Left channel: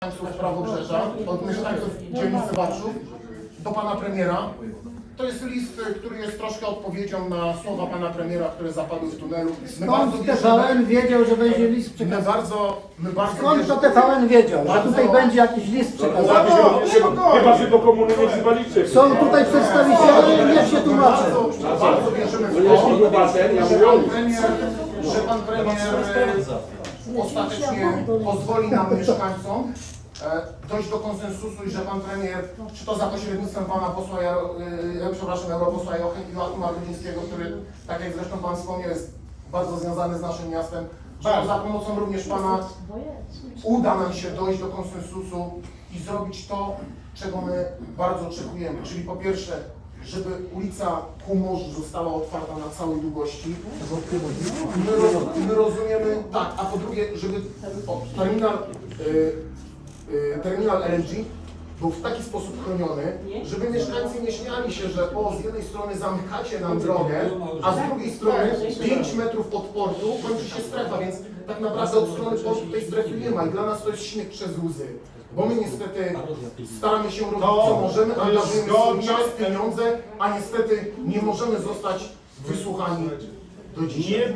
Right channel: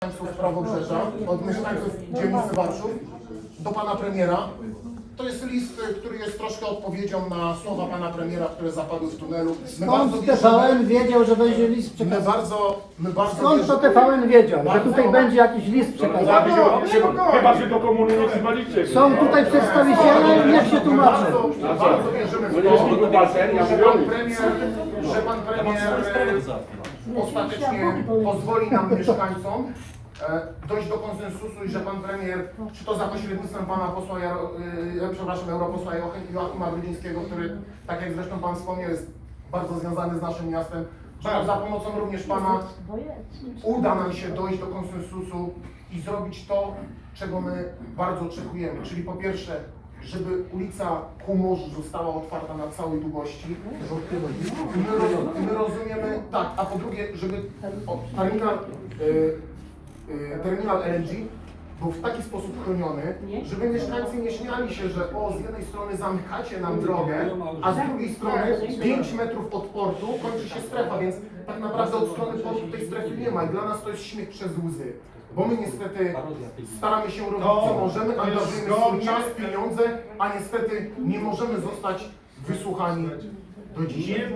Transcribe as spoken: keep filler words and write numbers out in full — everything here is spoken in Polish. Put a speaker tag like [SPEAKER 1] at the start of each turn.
[SPEAKER 1] mieszkańców Prawobrzeża, od mieszkańców dzielnicy Warszów do pana premiera. To jest list, który jest troszkę odpowiedzią na słowa pana premiera, które zapadły w tunelu. My bardzo
[SPEAKER 2] Skąd T V N wiedział, że będzie list
[SPEAKER 1] my
[SPEAKER 2] przekazany?
[SPEAKER 1] bardzo, my bardzo
[SPEAKER 2] Skąd to T V N wiedział, że tutaj
[SPEAKER 1] Bardzo-
[SPEAKER 2] będzie jakiś list przekazany?
[SPEAKER 3] Chyba, że do komuny nie wzywaliście.
[SPEAKER 2] Są tutaj przedstawiciele, niech się
[SPEAKER 1] my
[SPEAKER 2] tłumaczą.
[SPEAKER 1] bardzo, bardzo wierzymy w
[SPEAKER 3] Jeśli
[SPEAKER 1] to,
[SPEAKER 3] obywatel, ja
[SPEAKER 1] że
[SPEAKER 3] mówię o
[SPEAKER 1] pan
[SPEAKER 3] nich.
[SPEAKER 1] premier, że pan premier e, ostatecznie pozwoli nam mieszkańcom e, dojść do konsensusu i że pan premier, czy to za pośrednictwem pana posła, Jaro, e, przepraszam, europosła Joachima Brudzińskiego, który, tak jak zresztą pan wspomniał, jest bardzo związany z naszym miastem, że za pomocą również pana uda nam się dojść do konsensusu i zrobić to, czego my bardzo oczekujemy. Czyli po pierwsze, żeby ulica ku morzu została otwarta na całej długości. My, roz- my rozumiemy, tak, a po drugie, żeby o, terminal, y, y, terminal L N G był w taki sposób chroniony, żeby mieszkańcy nie śmiali się, że o, z jednej strony zamykacie nam drogę, a z drugiej strony pięć metrów od portu kończy się strefa, więc tak naprawdę od strony portu tej strefy nie ma i dla nas to jest śmiech przez łzy. Bo my niestety staramy się robić co możemy, angażujemy swój czas, pieniądze, a niestety nie możemy zostać wysłuchani do dzisiaj.